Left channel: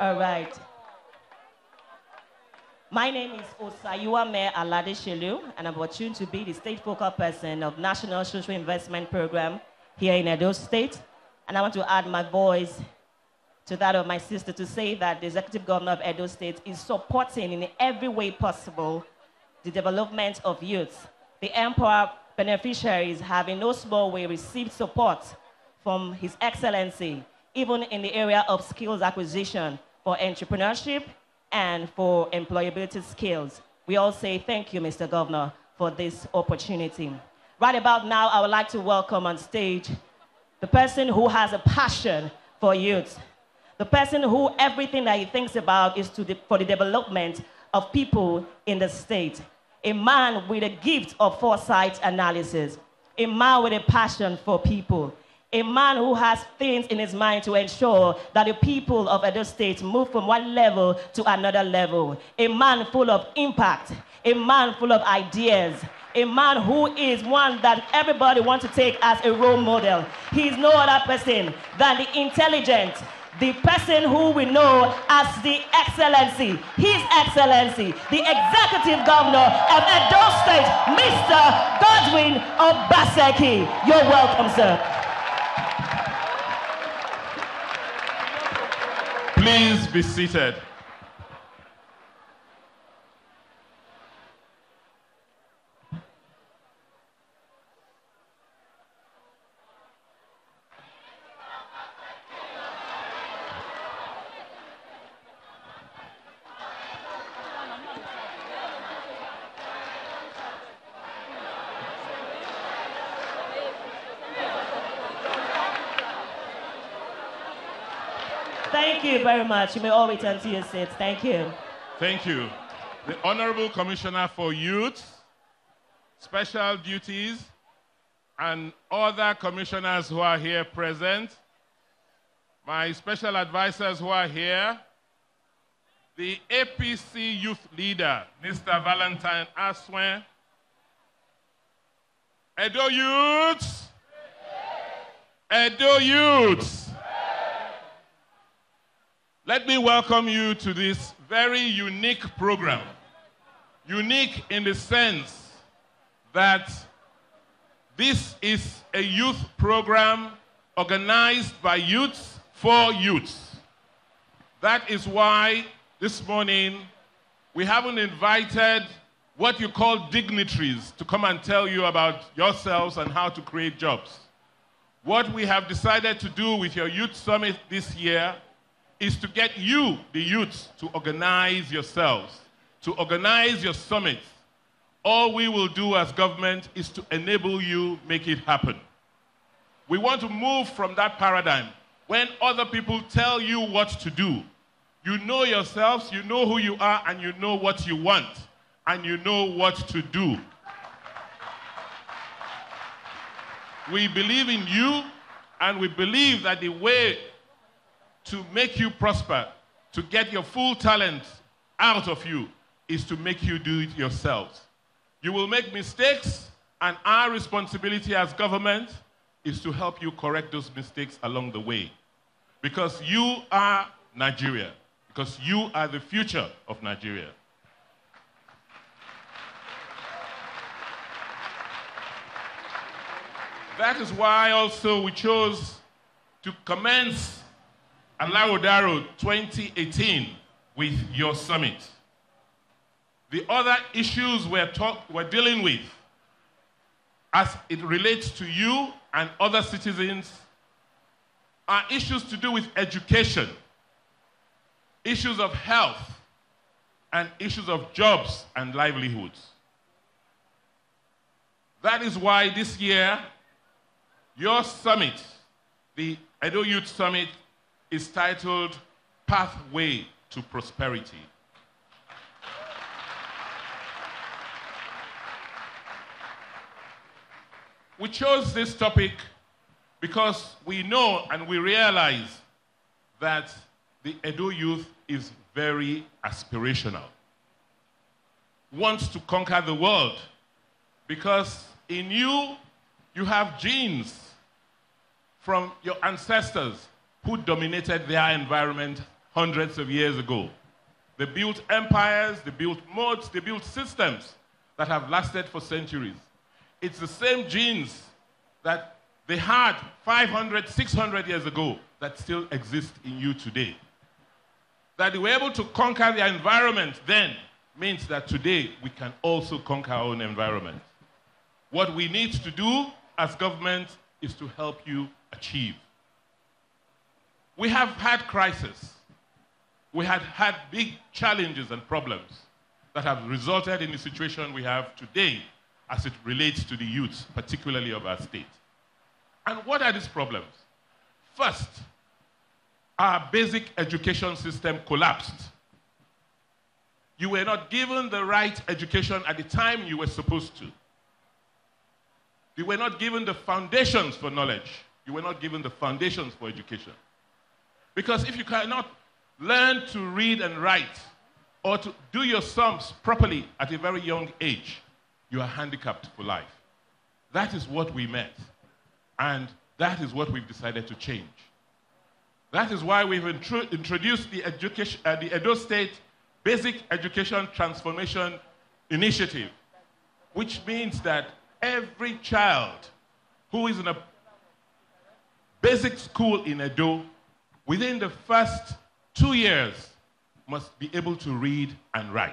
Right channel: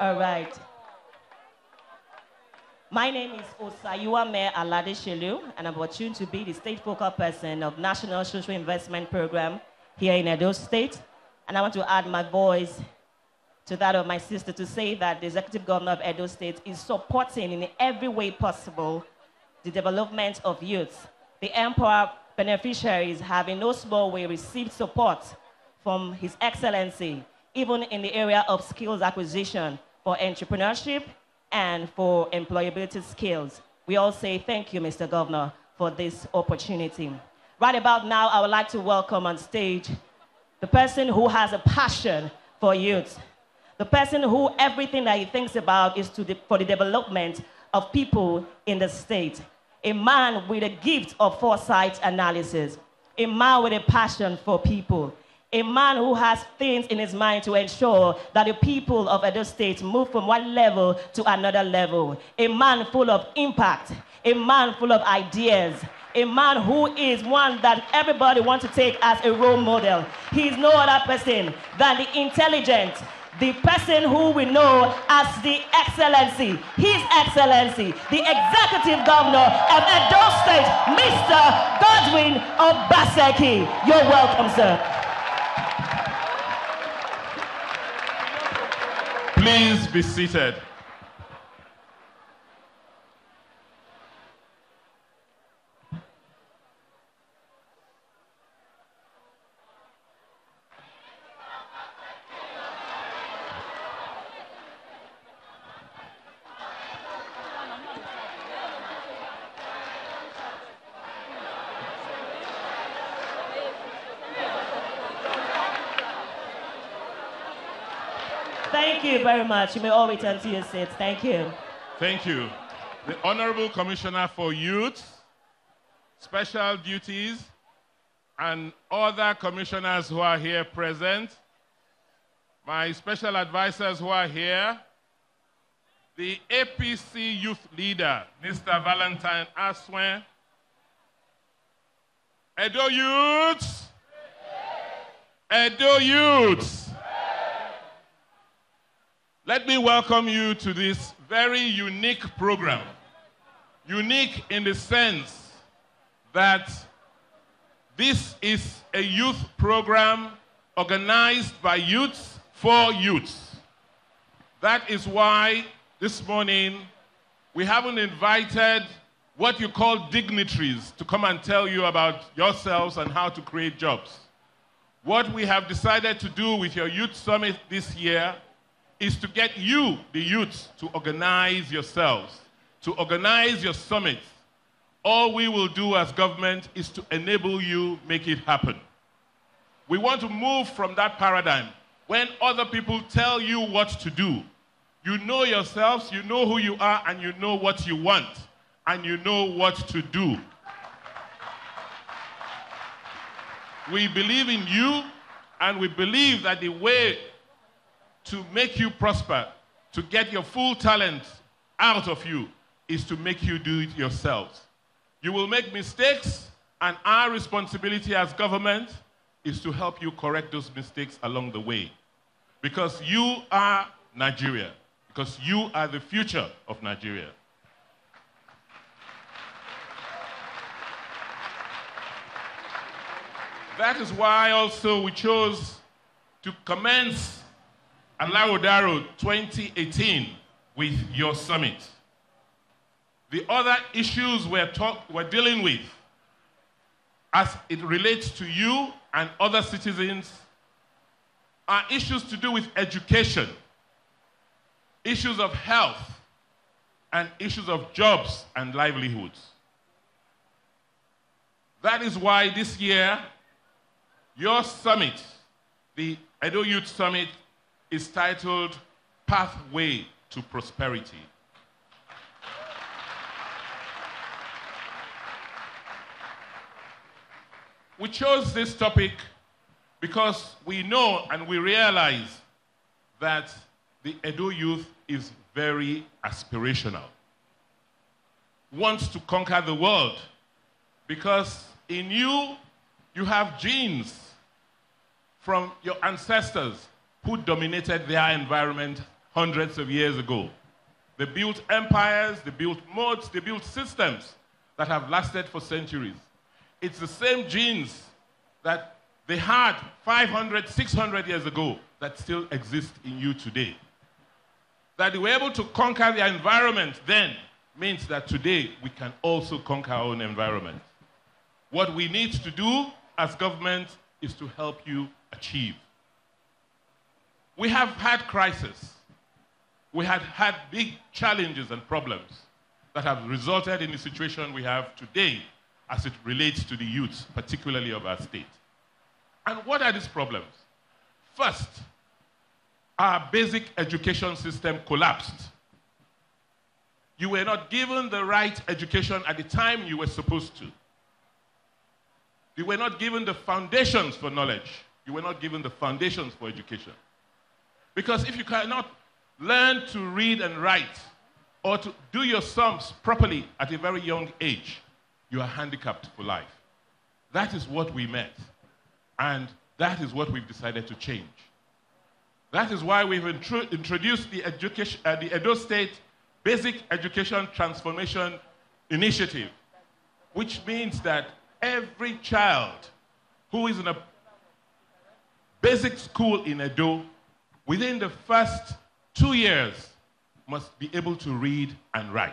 All right. My name is Osayuame Alaghodaro, and I'm fortunate to be the state focal person of National Social Investment Program here in Edo State. And I want to add my voice to that of my sister to say that the Executive Governor of Edo State is supporting in every way possible the development of youth. The Empower beneficiaries have in no small way received support from His Excellency, even in the area of skills acquisition for entrepreneurship and for employability skills. We all say thank you, Mr. Governor, for this opportunity. Right about now, I would like to welcome on stage the person who has a passion for youth, the person who everything that he thinks about is for the development of people in the state, a man with a gift of foresight analysis, a man with a passion for people, a man who has things in his mind to ensure that the people of Edo State move from one level to another level, a man full of impact, a man full of ideas, a man who is one that everybody wants to take as a role model. He is no other person than the intelligent, the person who we know as the Excellency, His Excellency, the Executive Governor of Edo State, Mr. Godwin Obaseki. You're welcome, sir. Please be seated. Thank you very much. You may all return to your seats. Thank you. Thank you. The Honorable Commissioner for Youth, Special Duties, and other commissioners who are here present, my special advisors who are here, the APC Youth Leader, Mr. Valentine Aswen, Edo Youths, Edo Youths. Let me welcome you to this very unique program. Unique in the sense that this is a youth program organized by youths for youths. That is why this morning we haven't invited what you call dignitaries to come and tell you about yourselves and how to create jobs. What we have decided to do with your youth summit this year is to get you, the youth, to organize yourselves, to organize your summit. All we will do as government is to enable you make it happen. We want to move from that paradigm. When other people tell you what to do, you know yourselves, you know who you are, and you know what you want, and you know what to do. We believe in you, and we believe that the way to make you prosper, to get your full talent out of you, is to make you do it yourselves. You will make mistakes, and our responsibility as government is to help you correct those mistakes along the way. Because you are Nigeria, because you are the future of Nigeria. That is why also we chose to commence Alaghodaro 2018 with your summit. The other issues we're dealing with as it relates to you and other citizens are issues to do with education, issues of health, and issues of jobs and livelihoods. That is why this year, your summit, the Edo Youth Summit, is titled Pathway to Prosperity. We chose this topic because we know and we realize that the Edo youth is very aspirational, wants to conquer the world, because in you, you have genes from your ancestors who dominated their environment hundreds of years ago. They built empires, they built moats, they built systems that have lasted for centuries. It's the same genes that they had 500, 600 years ago that still exist in you today. That they were able to conquer their environment then means that today we can also conquer our own environment. What we need to do as government is to help you achieve. We have had crises. We had big challenges and problems that have resulted in the situation we have today as it relates to the youth, particularly of our state. And what are these problems? First, our basic education system collapsed. You were not given the right education at the time you were supposed to. You were not given the foundations for knowledge. You were not given the foundations for education. Because if you cannot learn to read and write or to do your sums properly at a very young age, you are handicapped for life. That is what we meant. And that is what we've decided to change. That is why we've introduced the Edo State Basic Education Transformation Initiative, which means that every child who is in a basic school in Edo, within the first 2 years, must be able to read and write.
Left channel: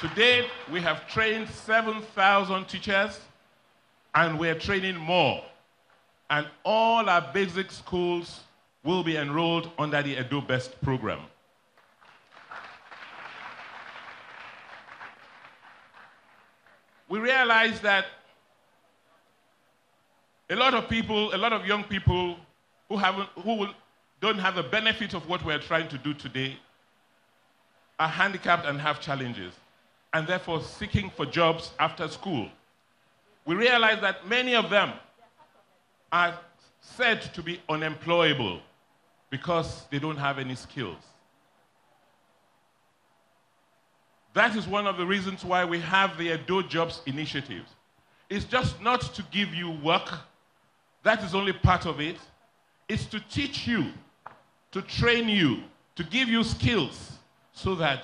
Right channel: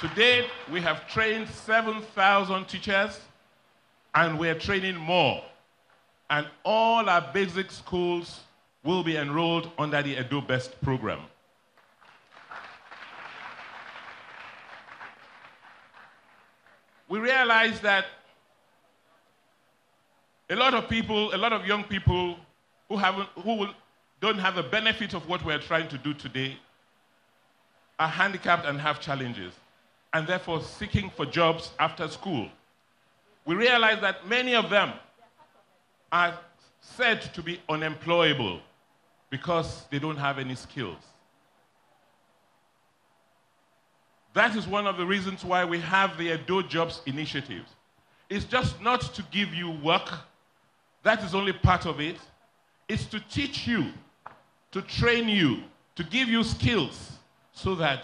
To date, we have trained 7,000 teachers, and we're training more. And all our basic schools will be enrolled under the Edo Best program. We realize that a lot of young people who don't have the benefit of what we're trying to do today are handicapped and have challenges, and therefore seeking for jobs after school. We realize that many of them are said to be unemployable because they don't have any skills. That is one of the reasons why we have the Edo Jobs Initiative. It's just not to give you work. That is only part of it. It's to teach you, to train you, to give you skills so that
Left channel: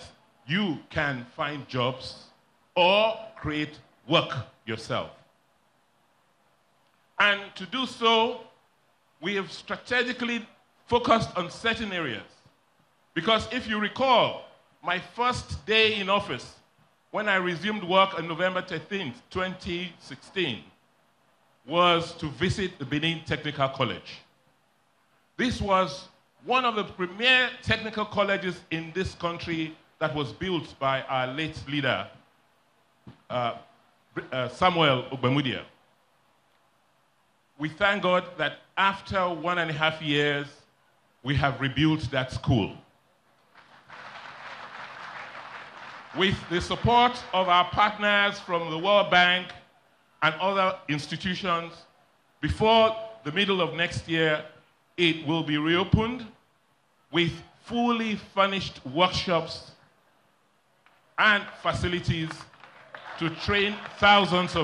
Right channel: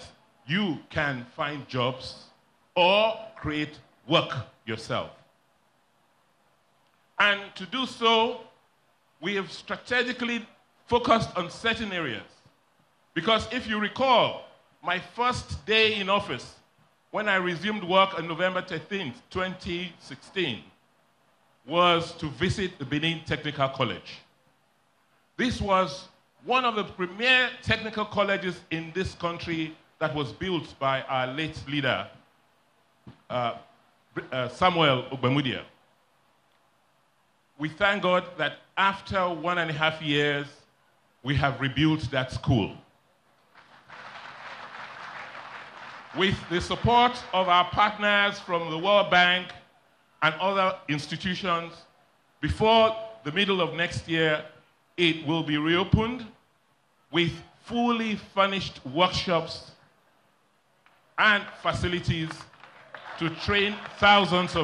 you can find jobs or create work yourself. And to do so, we have strategically focused on certain areas. Because if you recall, my first day in office, when I resumed work on November 13th, 2016, was to visit the Benin Technical College. This was one of the premier technical colleges in this country that was built by our late leader, Samuel Ogbemudia. We thank God that after 1.5 years, we have rebuilt that school. With the support of our partners from the World Bank and other institutions, before the middle of next year, it will be reopened with fully furnished workshops and facilities to train thousands of